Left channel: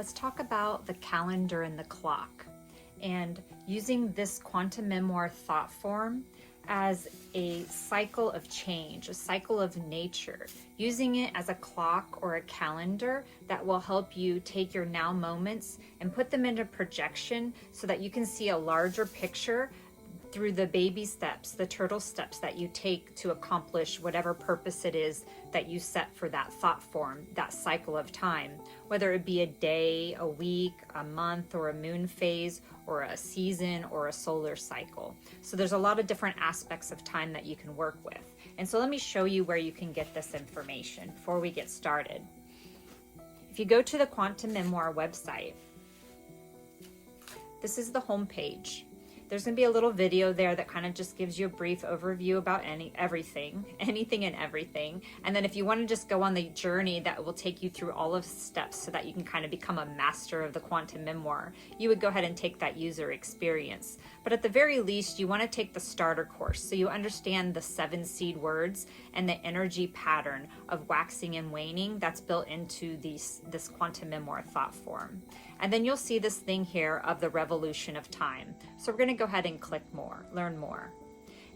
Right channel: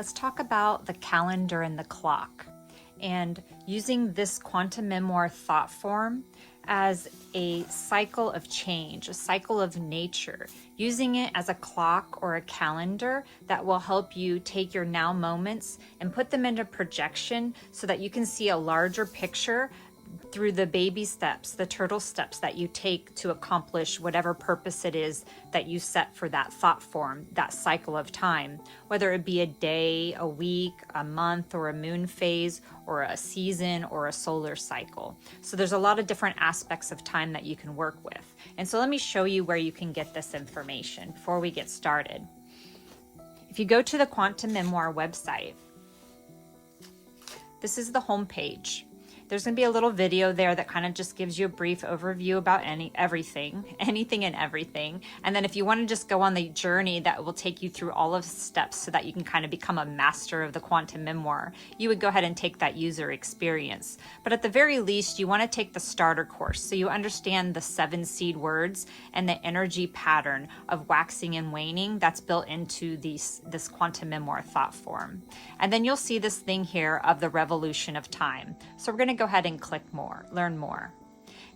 let's talk about the calendar and the clock, and using this quantum memoir thought form as a cycle of change, a cycle of nature, using it as a clock or a calendar that will help you take your now moments and put them into projection so that you can see a larger picture through the baby steps, the turtle steps that you take to accomplish whatever purpose it is that you set for that thought form, that cycle of time, whether it be a day, a week, a month, or a moon phase, or a season, or a solar cycle. So there's a lot of different aspects of time that you can work with. And so let me show you where you can get this information before we get started. If you go to the Quantum Memoir website, this is the home page. There's going to be a little video there that kind of just gives you a brief overview about anything and everything. And then if you want to just go on the journey that will take you through all of the steps so that you can kind of become a master of the quantum memoir, you would go ahead and take that user experience. But at the very least, you want to take the starter course so you understand the 7 seed words and the energy pattern of waxing and waning that's built into this quantum memoir thought form. And then you'll see this thing here of the revolution of time. So we're going to go ahead and click more, learn more.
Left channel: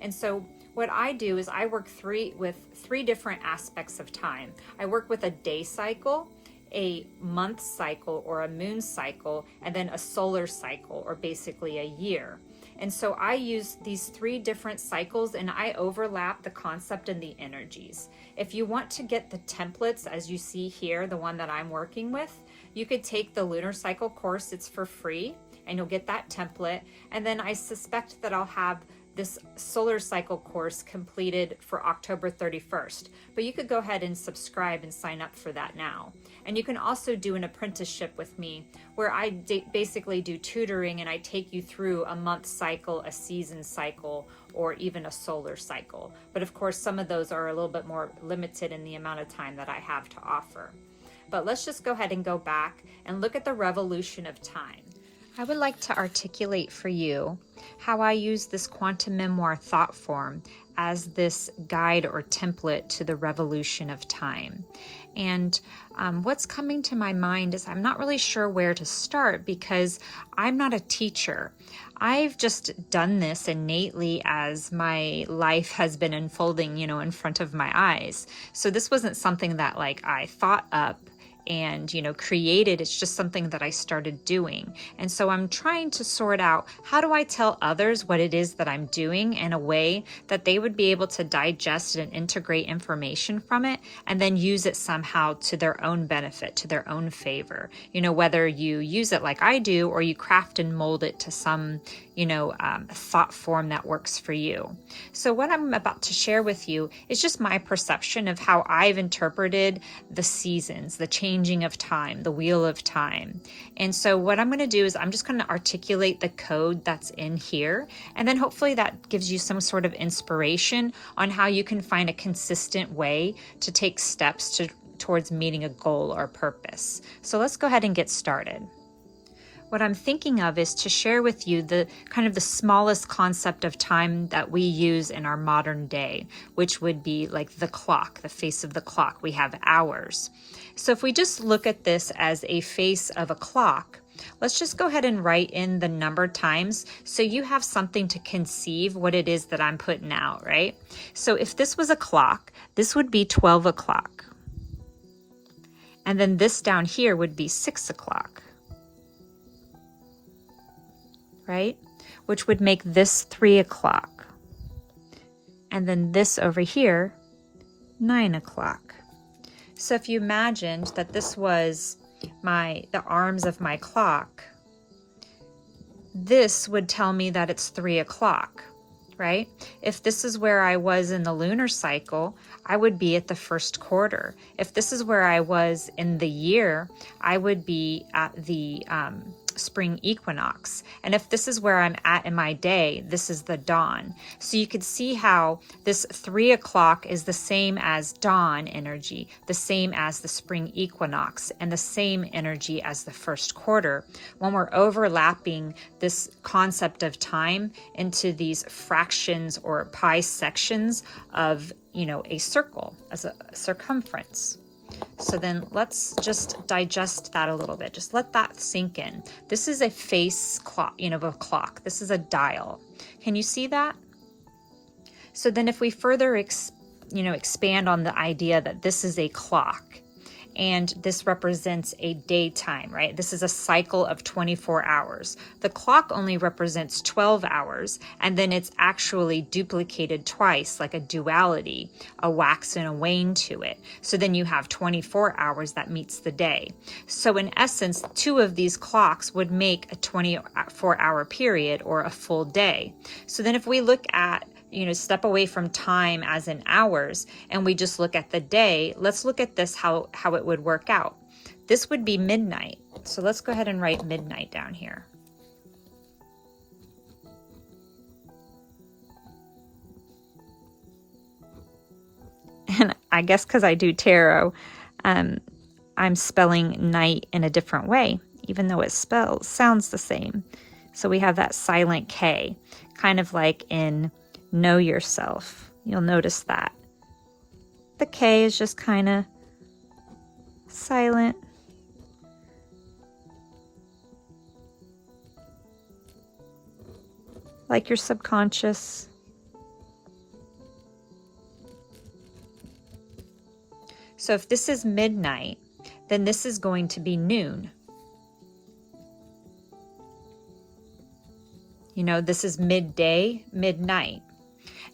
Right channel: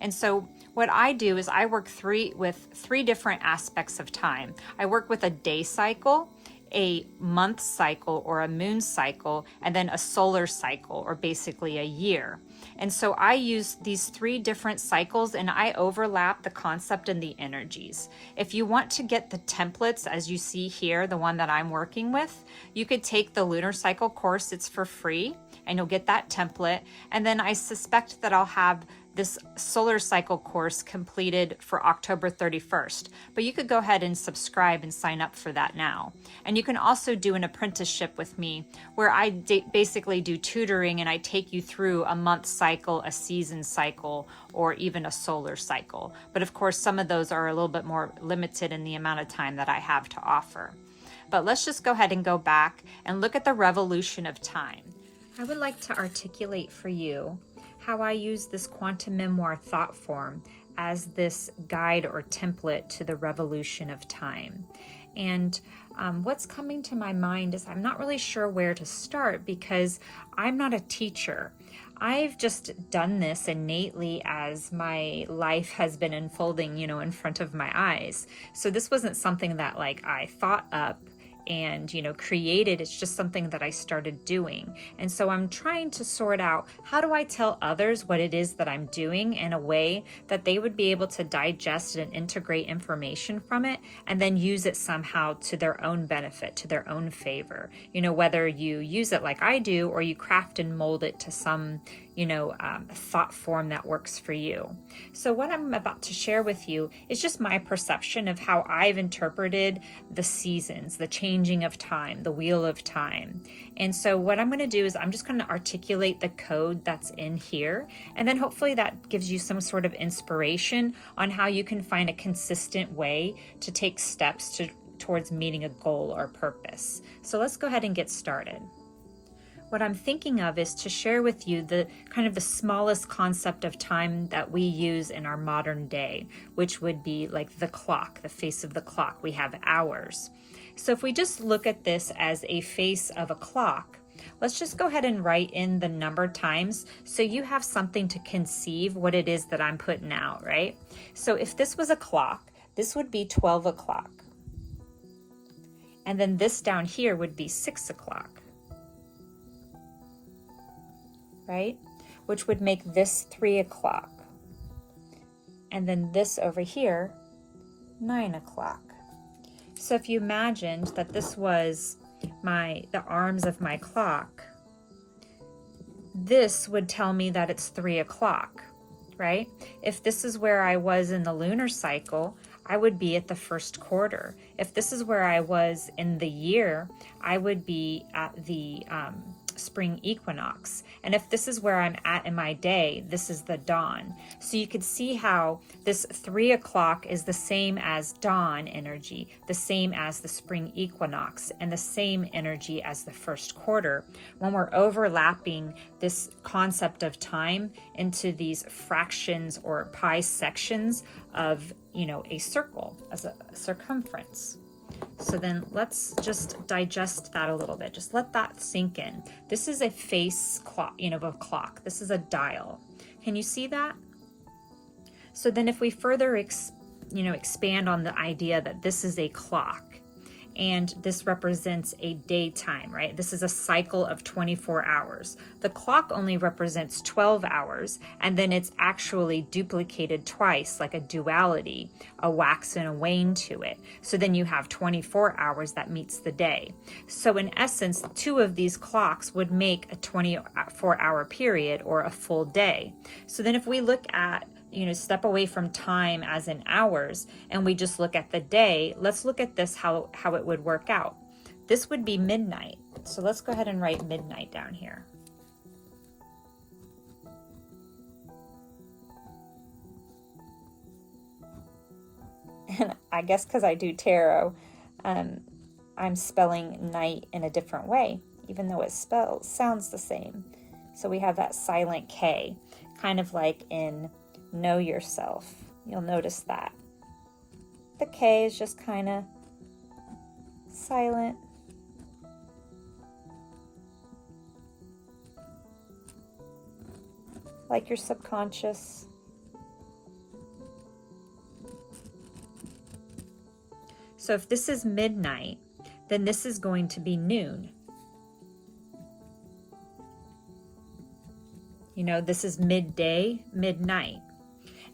And so what I do is I work with three different aspects of time. I work with a day cycle, a month cycle or a moon cycle, and then a solar cycle, or basically a year. And so I use these 3 different cycles and I overlap the concept and the energies. If you want to get the templates, as you see here, the one that I'm working with, you could take the lunar cycle course. It's for free and you'll get that template. And then I suspect that I'll have this solar cycle course completed for October 31st, but you could go ahead and subscribe and sign up for that now. And you can also do an apprenticeship with me where I basically do tutoring and I take you through a month cycle, a season cycle, or even a solar cycle. But of course, some of those are a little bit more limited in the amount of time that I have to offer. But let's just go ahead and go back and look at the revolution of time. I would like to articulate for you how I use this quantum memoir thought form as this guide or template to the revolution of time. And what's coming to my mind is I'm not really sure where to start because I'm not a teacher. I've just done this innately as my life has been unfolding, in front of my eyes. So this wasn't something that I thought up and created. It's just something that I started doing. And so I'm trying to sort out, how do I tell others what it is that I'm doing in a way that they would be able to digest and integrate information from it and then use it somehow to their own benefit, to their own favor, whether you use it like I do or you craft and mold it to some thought form that works for you. So what I'm about to share with you is just my perception of how I've interpreted the seasons, the changing of time, the wheel of time. And so what I'm going to do is I'm just going to articulate the code that's in here, and then hopefully that gives you some sort of inspiration on how you can find a consistent way to take steps towards meeting a goal or purpose. So let's go ahead and get started. What I'm thinking of is to share with you the kind of the smallest concept of time that we use in our modern day, which would be like the clock, the face of the clock. We have hours. So if we just look at this as a face of a clock, let's just go ahead and write in the number times so you have something to conceive what it is that I'm putting out, right? So if this was a clock, this would be 12 o'clock. And then this down here would be 6 o'clock. Right? Which would make this 3 o'clock. And then this over here, 9 o'clock. So if you imagined that this was the arms of my clock, this would tell me that it's 3 o'clock, right? If this is where I was in the lunar cycle, I would be at the first quarter. If this is where I was in the year, I would be at the spring equinox. And if this is where I'm at in my day, this is the dawn. So you could see how this 3 o'clock is the same as dawn energy, the same as the spring equinox, and the same energy as the first quarter when we're overlapping this concept of time into these fractions or pi sections of, a circle as a circumference. So then let's just digest that a little bit. Just let that sink in. This is a face clock, you know, of a clock. This is a dial. Can you see that? So then if we further expand on the idea that this is a clock, and this represents a daytime, right? This is a cycle of 24 hours. The clock only represents 12 hours, and then it's actually duplicated twice, like a duality, a wax and a wane to it. So then you have 24 hours that meets the day. So in essence, two of these clocks would make a 24-hour period or a full day. So then if we look at, step away from time as in hours, and we just look at the day, let's look at this, how it would work out. This would be midnight. So let's go ahead and write midnight down here. And I guess because I do tarot, I'm spelling night in a different way, even though it sounds the same. So we have that silent K, kind of like in Know Yourself. You'll notice that. The K is just kind of silent. Like your subconscious. So if this is midnight, then this is going to be noon. This is midday, midnight.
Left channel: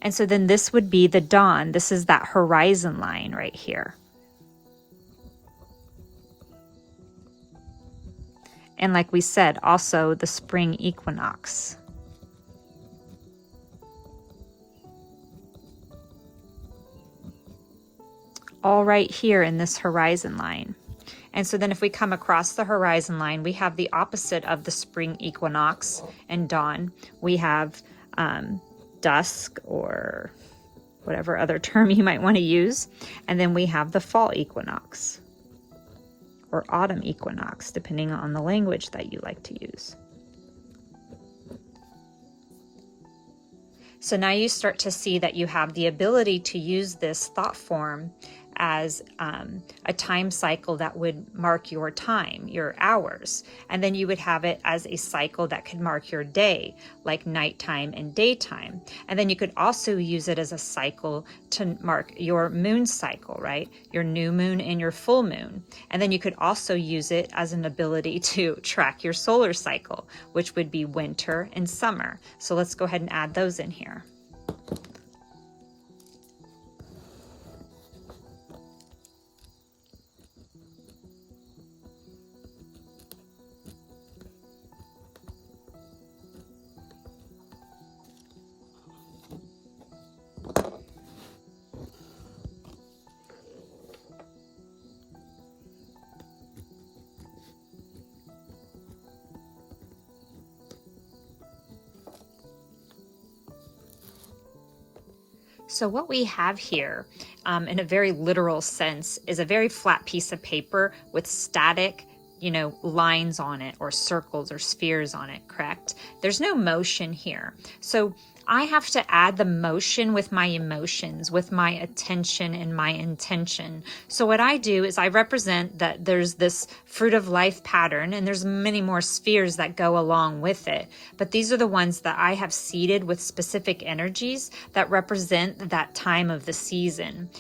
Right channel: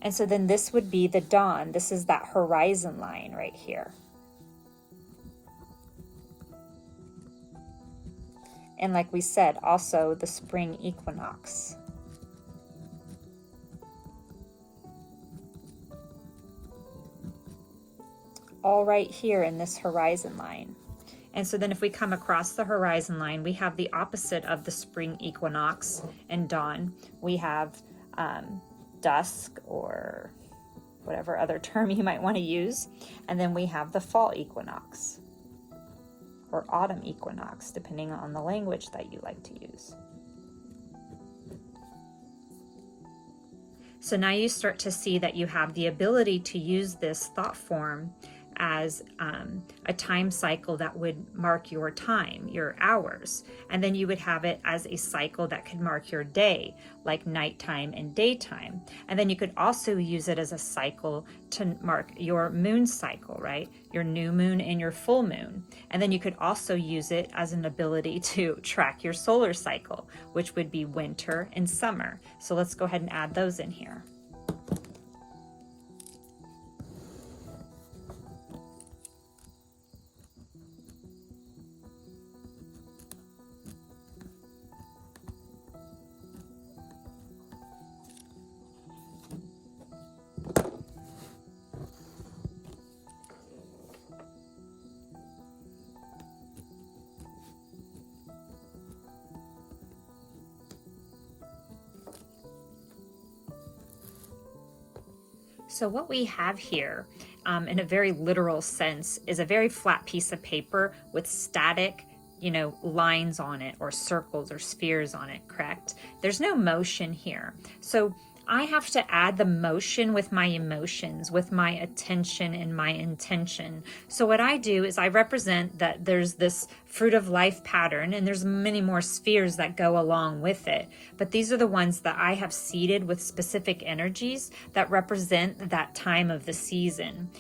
And so then this would be the dawn. This is that horizon line right here. And like we said, also the spring equinox. All right here in this horizon line. And so then if we come across the horizon line, we have the opposite of the spring equinox and dawn. We have dusk, or whatever other term you might want to use. And then we have the fall equinox or autumn equinox, depending on the language that you like to use. So now you start to see that you have the ability to use this thought form as a time cycle that would mark your time, your hours. And then you would have it as a cycle that could mark your day, like nighttime and daytime. And then you could also use it as a cycle to mark your moon cycle, right? Your new moon and your full moon. And then you could also use it as an ability to track your solar cycle, which would be winter and summer. So let's go ahead and add those in here. So what we have here, in a very literal sense, is a very flat piece of paper with static, lines on it, or circles or spheres on it, correct? There's no motion here. So I have to add the motion with my emotions, with my attention and my intention. So what I do is I represent that there's this fruit of life pattern, and there's many more spheres that go along with it. But these are the ones that I have seeded with specific energies that represent that time of the season.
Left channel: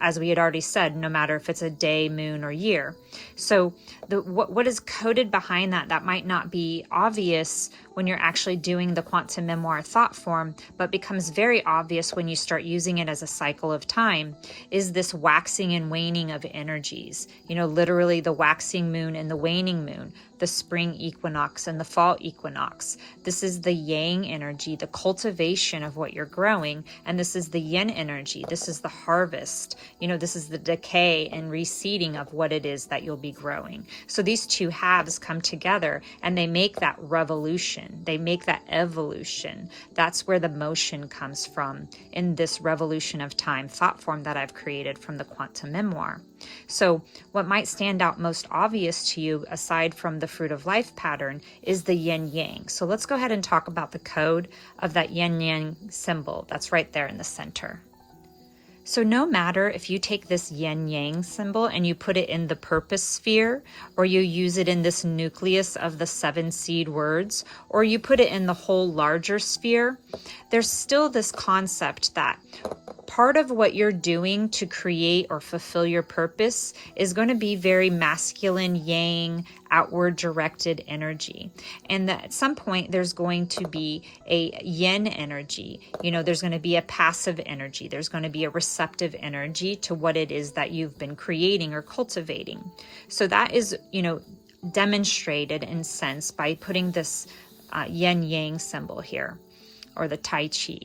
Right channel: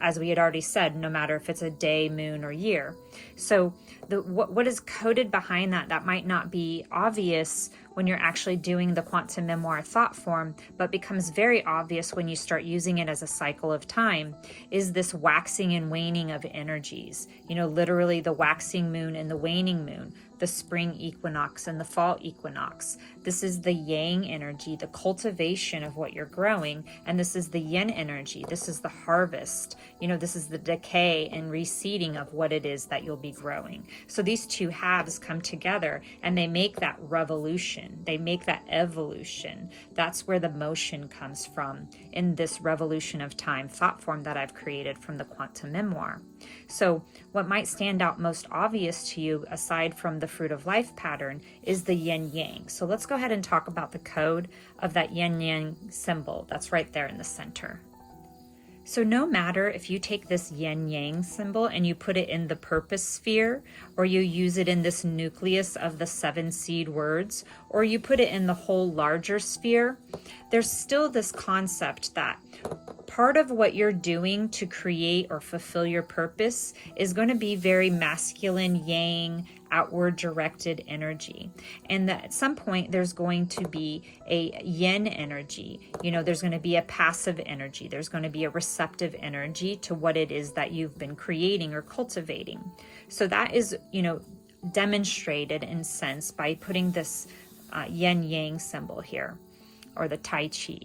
As we had already said, no matter if it's a day, moon, or year. So what is coded behind that might not be obvious when you're actually doing the quantum memoir thought form, but becomes very obvious when you start using it as a cycle of time, is this waxing and waning of energies. Literally the waxing moon and the waning moon, the spring equinox and the fall equinox. This is the yang energy, the cultivation of what you're growing, and this is the yin energy. This is the harvest. This is the decay and reseeding of what it is that you'll be growing. So these two halves come together and they make that revolution. They make that evolution. That's where the motion comes from in this revolution of time thought form that I've created from the quantum memoir. So what might stand out most obvious to you, aside from the fruit of life pattern, is the yin yang. So let's go ahead and talk about the code of that yin yang symbol that's right there in the center. So no matter if you take this yin yang symbol and you put it in the purpose sphere, or you use it in this nucleus of the 7 seed words, or you put it in the whole larger sphere, there's still this concept that part of what you're doing to create or fulfill your purpose is going to be very masculine, yang, outward directed energy. And that at some point there's going to be a yin energy. You know, there's going to be a passive energy. There's going to be a receptive energy to what it is that you've been creating or cultivating. So that is, you know, demonstrated in sense by putting this yin yang symbol here, or the Tai Chi,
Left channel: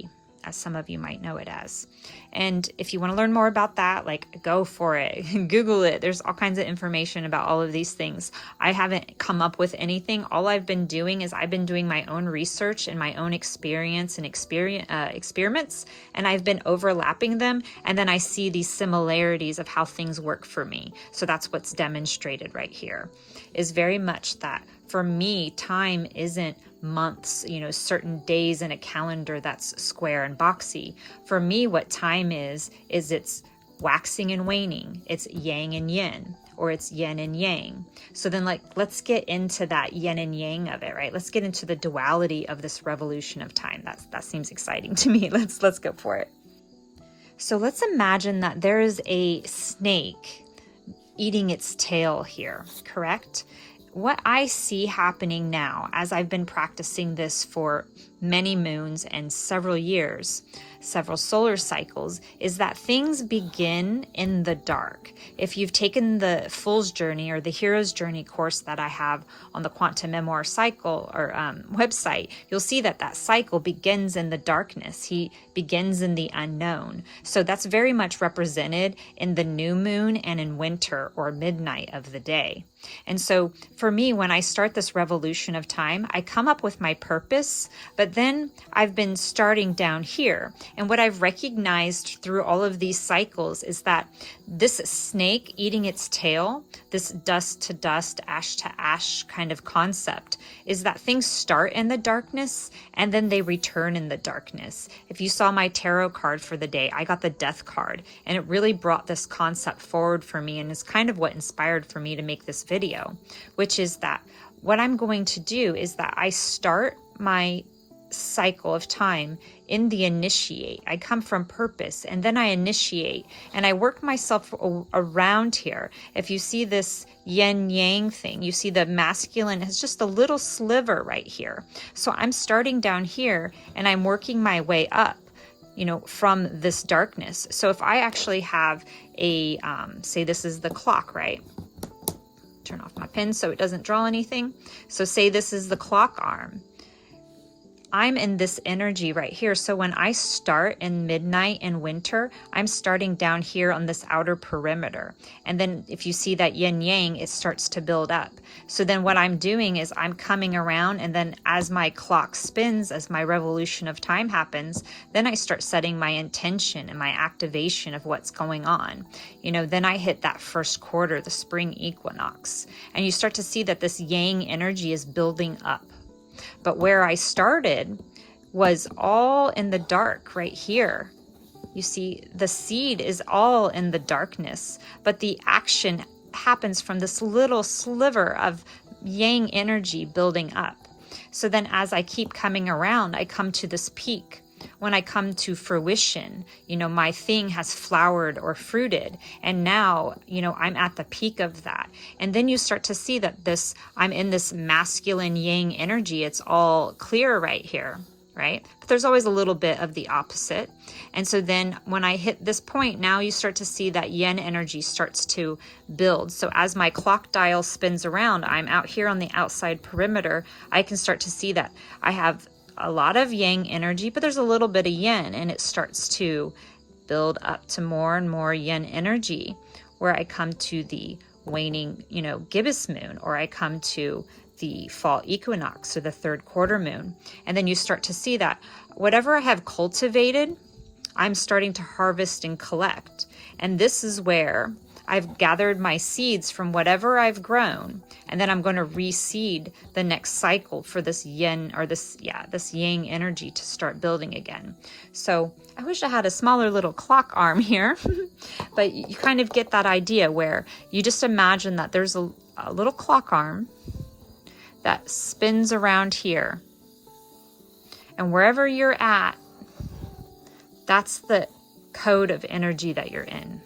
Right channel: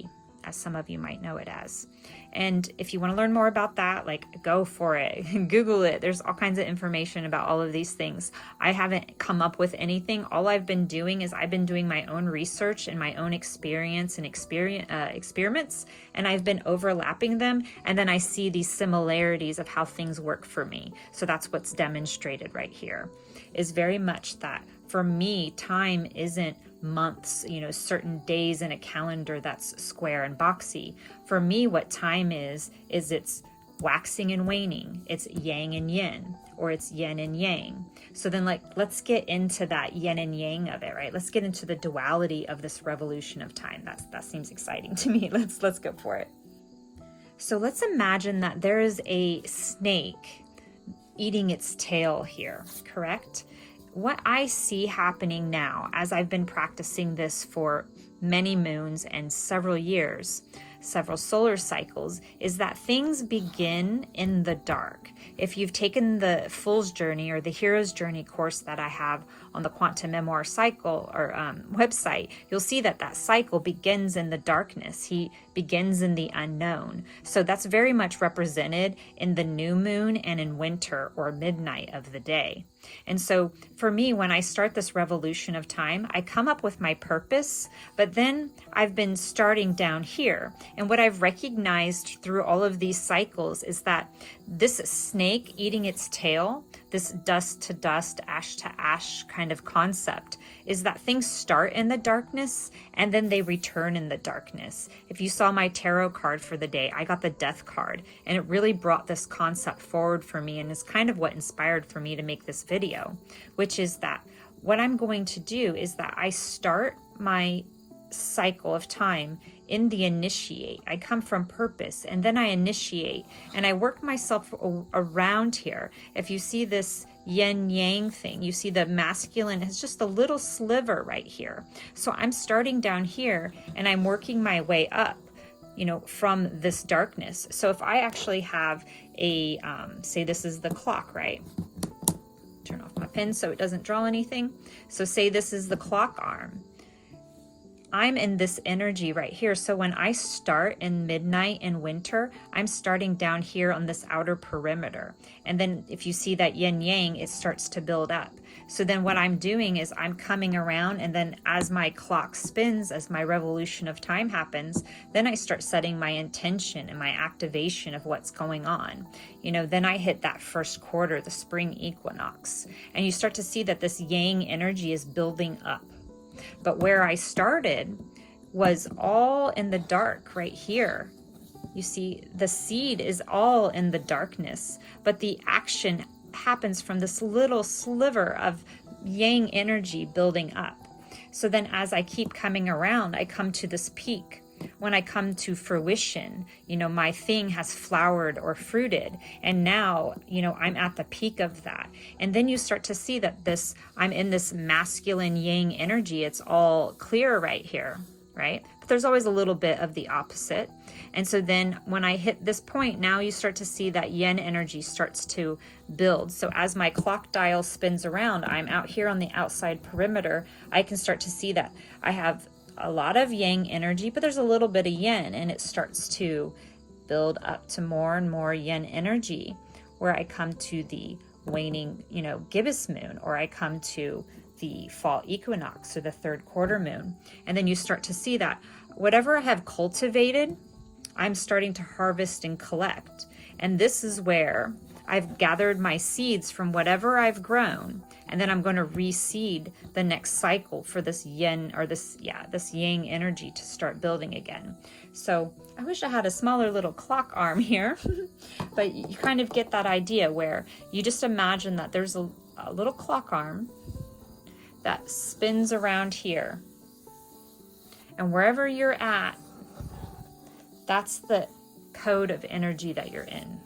as some of you might know it as. And if you want to learn more about that, like, go for it. Google it. There's all kinds of information about all of these things. I haven't come up with anything. All I've been doing is I've been doing my own research and my own experience and experiments, and I've been overlapping them. And then I see these similarities of how things work for me. So that's what's demonstrated right here, is very much that for me, time isn't months, you know, certain days in a calendar that's square and boxy. For me, what time is it's waxing and waning. It's yang and yin, or it's yin and yang. So then, like, let's get into that yin and yang of it, right? Let's get into the duality of this revolution of time. That seems exciting to me. Let's go for it. So let's imagine that there is a snake eating its tail here, correct? What I see happening now, as I've been practicing this for many moons and several years, several solar cycles, is that things begin in the dark. If you've taken the Fool's Journey or the Hero's Journey course that I have on the Quantum Memoir cycle or website, you'll see that that cycle begins in the darkness. He begins in the unknown. So that's very much represented in the new moon and in winter or midnight of the day. And so for me, when I start this revolution of time, I come up with my purpose, but then I've been starting down here. And what I've recognized through all of these cycles is that this snake eating its tail, this dust to dust, ash to ash kind of concept, is that things start in the darkness and then they return in the darkness. If you saw my tarot card for the day, I got the Death card, and it really brought this concept forward for me, and is kind of what inspired for me to make this video, which is that what I'm going to do is that I start my cycle of time in the initiate. I come from purpose, and then I initiate, and I work myself around here. If you see this yin yang thing, you see the masculine has just a little sliver right here. So I'm starting down here and I'm working my way up, you know, from this darkness. So if I actually have a, say this is the clock, right? Turn off my pen so it doesn't draw anything. So say this is the clock arm. I'm in this energy right here. So when I start in midnight and winter, I'm starting down here on this outer perimeter. And then if you see that yin yang, it starts to build up. So then what I'm doing is I'm coming around, and then as my clock spins, as my revolution of time happens, then I start setting my intention and my activation of what's going on. You know, then I hit that first quarter, the spring equinox, and you start to see that this yang energy is building up. But where I started was all in the dark right here. You see, the seed is all in the darkness, but the action happens from this little sliver of yang energy building up. So then as I keep coming around, I come to this peak. When I come to fruition, you know, my thing has flowered or fruited, and now, you know, I'm at the peak of that. And then you start to see that I'm in this masculine yang energy. It's all clear right here, right? But there's always a little bit of the opposite. And so then when I hit this point, now you start to see that yin energy starts to build. So as my clock dial spins around, I'm out here on the outside perimeter. I can start to see that I have a lot of yang energy, but there's a little bit of yin, and it starts to build up to more and more yin energy, where I come to the waning, you know, gibbous moon, or I come to the fall equinox or the third quarter moon. And then you start to see that whatever I have cultivated, I'm starting to harvest and collect. And this is where I've gathered my seeds from whatever I've grown, and then I'm going to reseed the next cycle for this yin, or this yang energy to start building again. So I wish I had a smaller little clock arm here, but you kind of get that idea where you just imagine that there's a little clock arm that spins around here. And wherever you're at, that's the code of energy that you're in.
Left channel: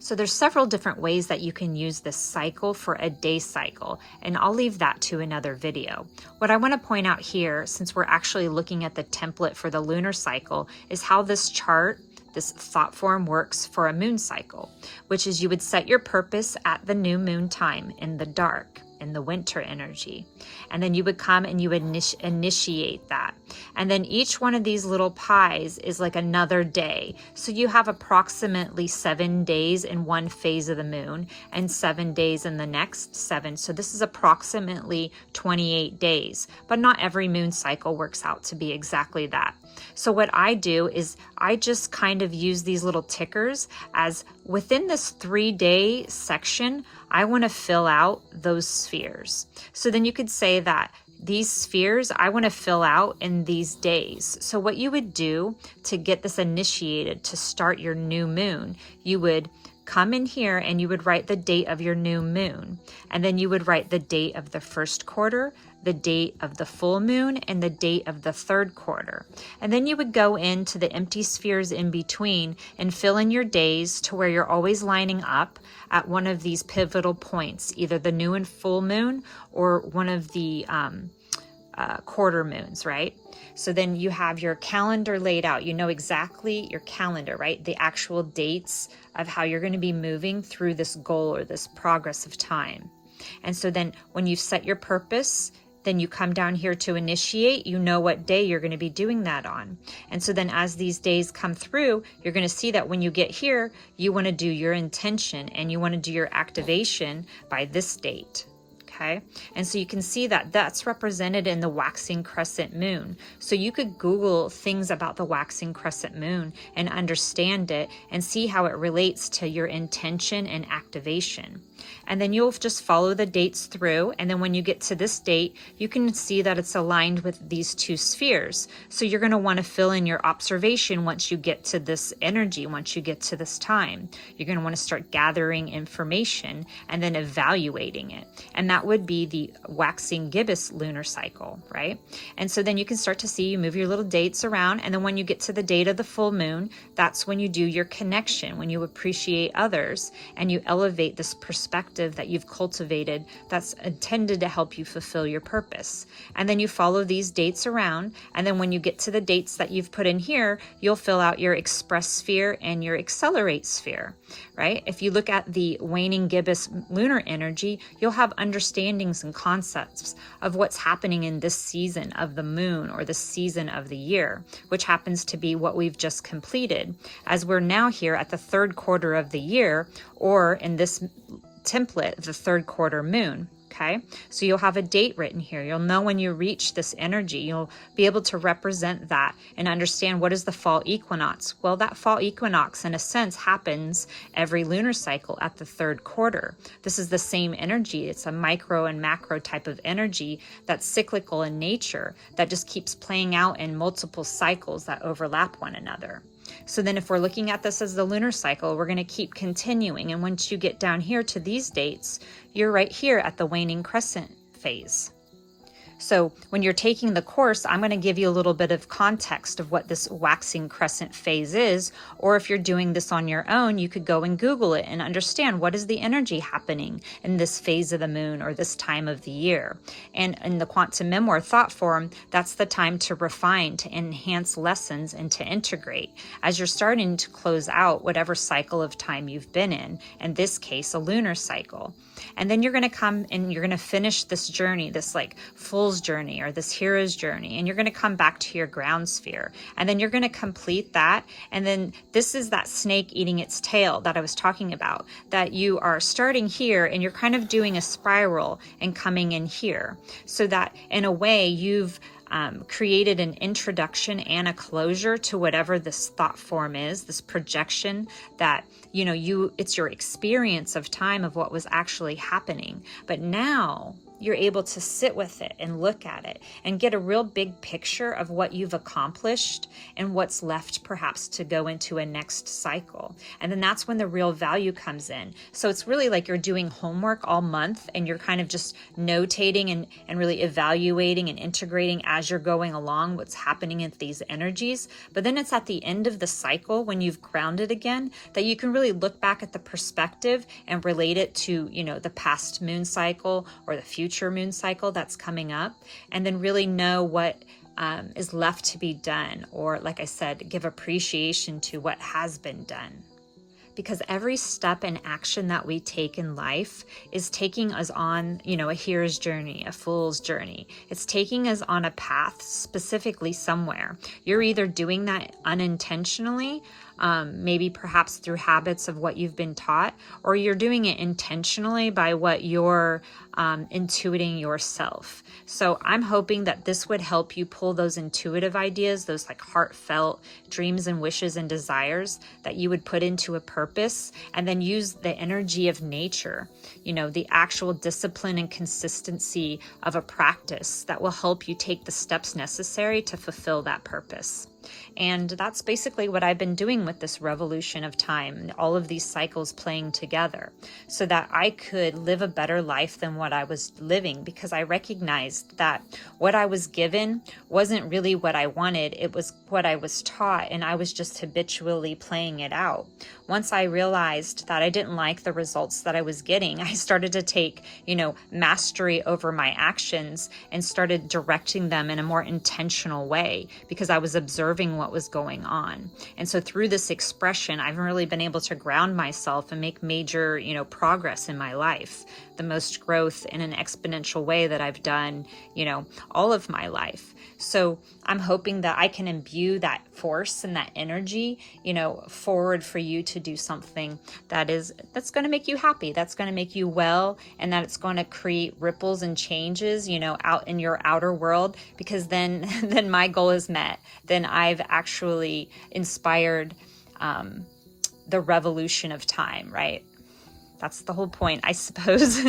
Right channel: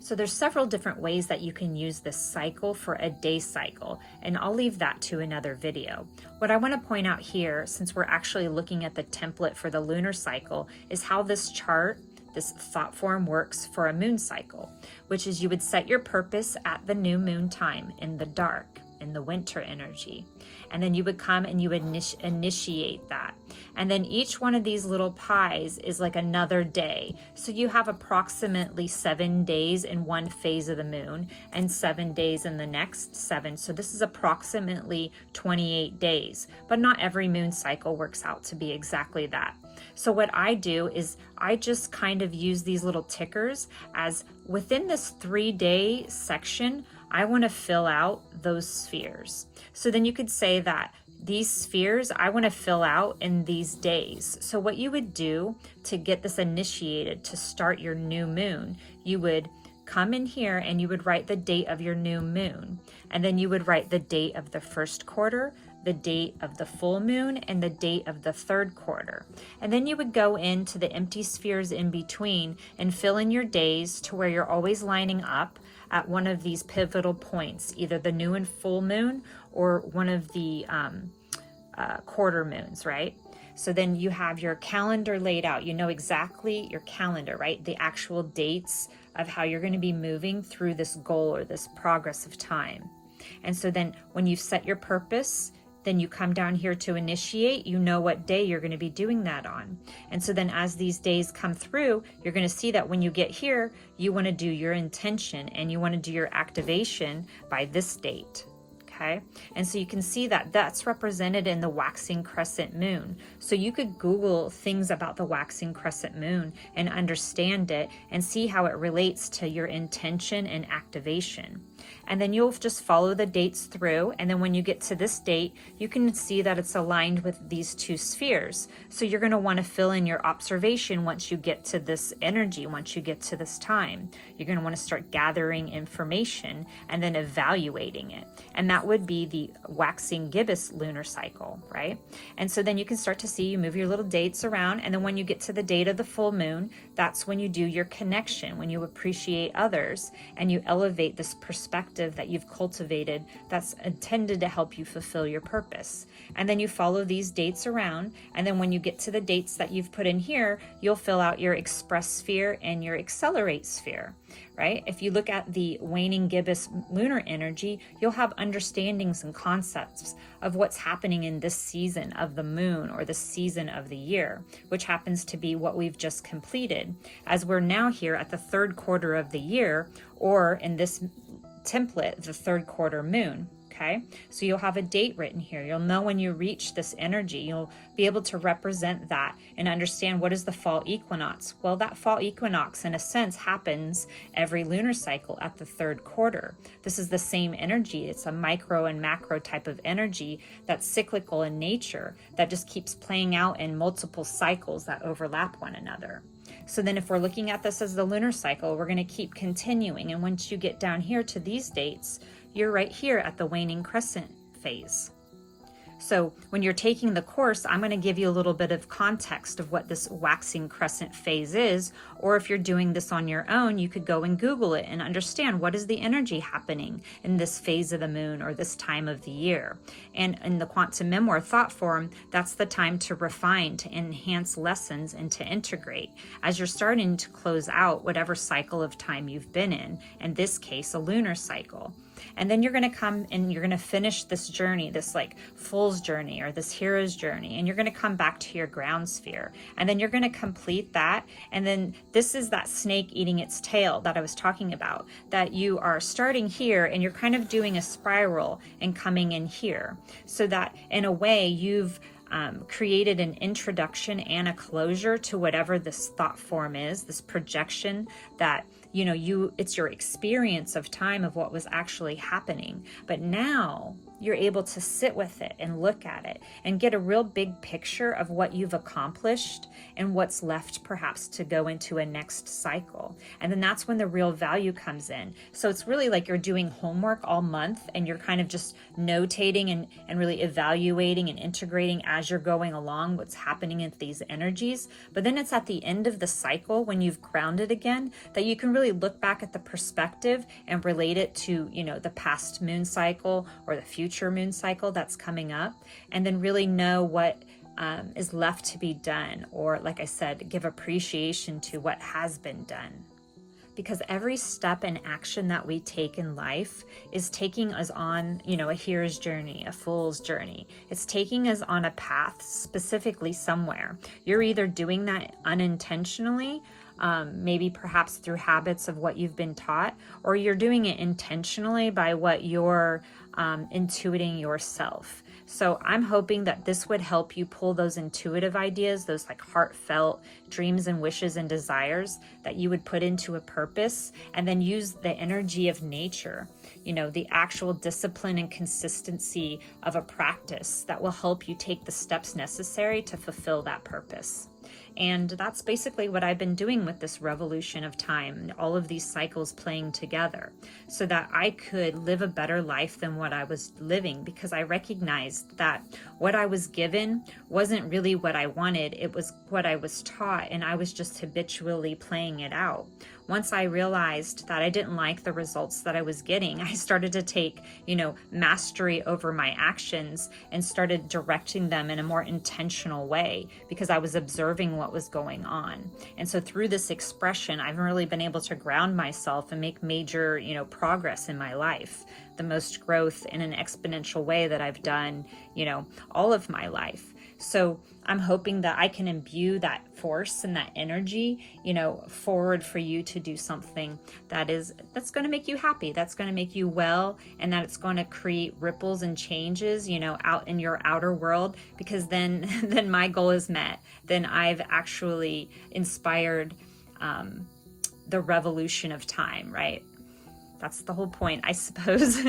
So there's several different ways that you can use this cycle for a day cycle, and I'll leave that to another video. What I want to point out here, since we're actually looking at the template for the lunar cycle, is how this chart, this thought form, works for a moon cycle, which is you would set your purpose at the new moon time in the dark, in the winter energy. And then you would come and you would initiate that. And then each one of these little pies is like another day. So you have approximately 7 days in one phase of the moon and 7 days in the next 7. So this is approximately 28 days, but not every moon cycle works out to be exactly that. So what I do is I just kind of use these little tickers as within this 3-day section, I want to fill out those spheres. So then you could say that these spheres I want to fill out in these days. So what you would do to get this initiated, to start your new moon, you would come in here and you would write the date of your new moon. And then you would write the date of the first quarter, the date of the full moon, and the date of the third quarter. And then you would go into the empty spheres in between and fill in your days to where you're always lining up at one of these pivotal points, either the new and full moon or one of the quarter moons, right? So then you have your calendar laid out. You know exactly your calendar, right? The actual dates of how you're going to be moving through this goal or this progress of time. And so then when you set your purpose, then you come down here to initiate, you know what day you're going to be doing that on. And so then as these days come through, you're going to see that when you get here, you want to do your intention and you want to do your activation by this date. Okay. And so you can see that that's represented in the waxing crescent moon. So you could Google things about the waxing crescent moon and understand it and see how it relates to your intention and activation. And then you'll just follow the dates through. And then when you get to this date, you can see that it's aligned with these two spheres. So you're going to want to fill in your observation once you get to this energy, once you get to this time. You're going to want to start gathering information and then evaluating it. And that would be the waxing gibbous lunar cycle, right? And so then you can start to see, you move your little dates around. And then when you get to the date of the full moon, that's when you do your connection, when you appreciate others and you elevate this perspective that you've cultivated that's intended to help you fulfill your purpose. And then you follow these dates around. And then when you get to the dates that you've put in here, you'll fill out your express sphere and your accelerate sphere, right? If you look at the waning gibbous lunar energy, you'll have understandings and concepts of what's happening in this season of the moon or the season of the year, which happens to be what we've just completed, as we're now here at the third quarter of the year, or in this template, the third quarter moon. Okay, so you'll have a date written here. You'll know when you reach this energy. You'll be able to represent that and understand what is the fall equinox. Well, that fall equinox, in a sense, happens every lunar cycle at the third quarter. This is the same energy. It's a micro and macro type of energy that's cyclical in nature, that just keeps playing out in multiple cycles that overlap one another. So then if we're looking at this as the lunar cycle, we're going to keep continuing. And once you get down here to these dates, you're right here at the waning crescent phase. So when you're taking the course, I'm going to give you a little bit of context of what this waxing crescent phase is. Or if you're doing this on your own, you could go and Google it and understand what is the energy happening in this phase of the moon or this time of the year. And in the quantum memoir thought form, that's the time to refine, to enhance lessons, and to integrate as you're starting to close out whatever cycle of time you've been in this case, a lunar cycle. And then you're going to come and you're going to finish this journey, this like fool's journey or this hero's journey. And you're going to come back to your ground sphere. And then you're going to complete that. And then this is that snake eating its tail that I was talking about, that you are starting here and you're kind of doing a spiral and coming in here. So that in a way you've created an introduction and a closure to whatever this thought form is, this projection that, you know, it's your experience of time of what was actually happening. But now you're able to sit with it and look at it and get a real big picture of what you've accomplished and what's left perhaps to go into a next cycle. And then that's when the real value comes in. So it's really like you're doing homework all month and you're kind of just notating and really evaluating and integrating as you're going along what's happening in these energies. But then it's at the end of the cycle when you've grounded again that you can really look back at the perspective and relate it to, you know, the past moon cycle or the future moon cycle that's coming up, and then really know what is left to be done, or like I said, give appreciation to what has been done. Because every step and action that we take in life is taking us on, you know, a hero's journey, a fool's journey. It's taking us on a path specifically somewhere. You're either doing that unintentionally, maybe perhaps through habits of what you've been taught, or you're doing it intentionally by what you're intuiting yourself. So I'm hoping that this would help you pull those intuitive ideas, those like heartfelt dreams and wishes and desires that you would put into a purpose, and then use the energy of nature, you know, the actual discipline and consistency of a practice that will help you take the steps necessary to fulfill that purpose. And that's basically what I've been doing with this revolution of time, all of these cycles playing together, so that I could live a better life than what I was living, because I recognized that what I was given wasn't really what I wanted. It was what I was taught, and I was just habitually playing it out. Once I realized that I didn't like the results that I was getting, I started to take, you know, mastery over my actions and started directing them in a more intentional way, because I was observing what was going on. And so through this expression, I've really been able to ground myself and make major, you know, progress in my life, the most growth in an exponential way that I've done, you know, all of my life. So I'm hoping that I can imbue that force and that energy, you know, forward for you to do something that's going to make you happy, that's going to make you well, and that it's going to create ripples and changes, you know, out in your outer world, because then my goal is met. Then I've actually inspired the revolution of time, right? That's the whole point, I suppose.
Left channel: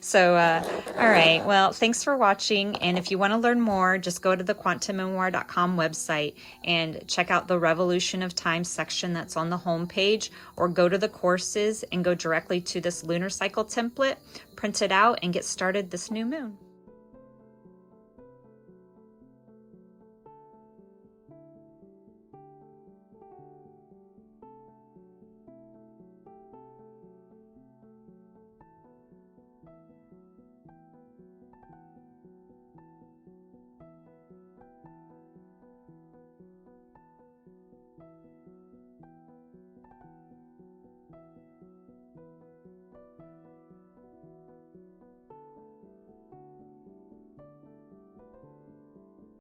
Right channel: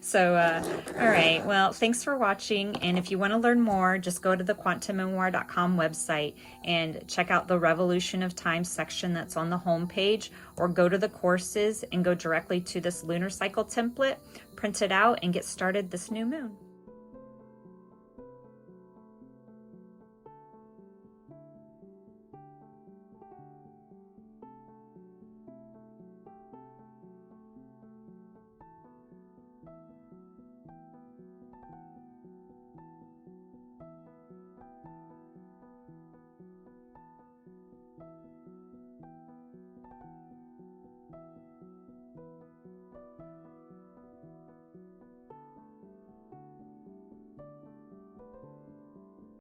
So, all right. Well, thanks for watching. And if you want to learn more, just go to the quantummemoir.com website and check out the Revolution of Time section that's on the homepage, or go to the courses and go directly to this lunar cycle template, print it out, and get started this new moon.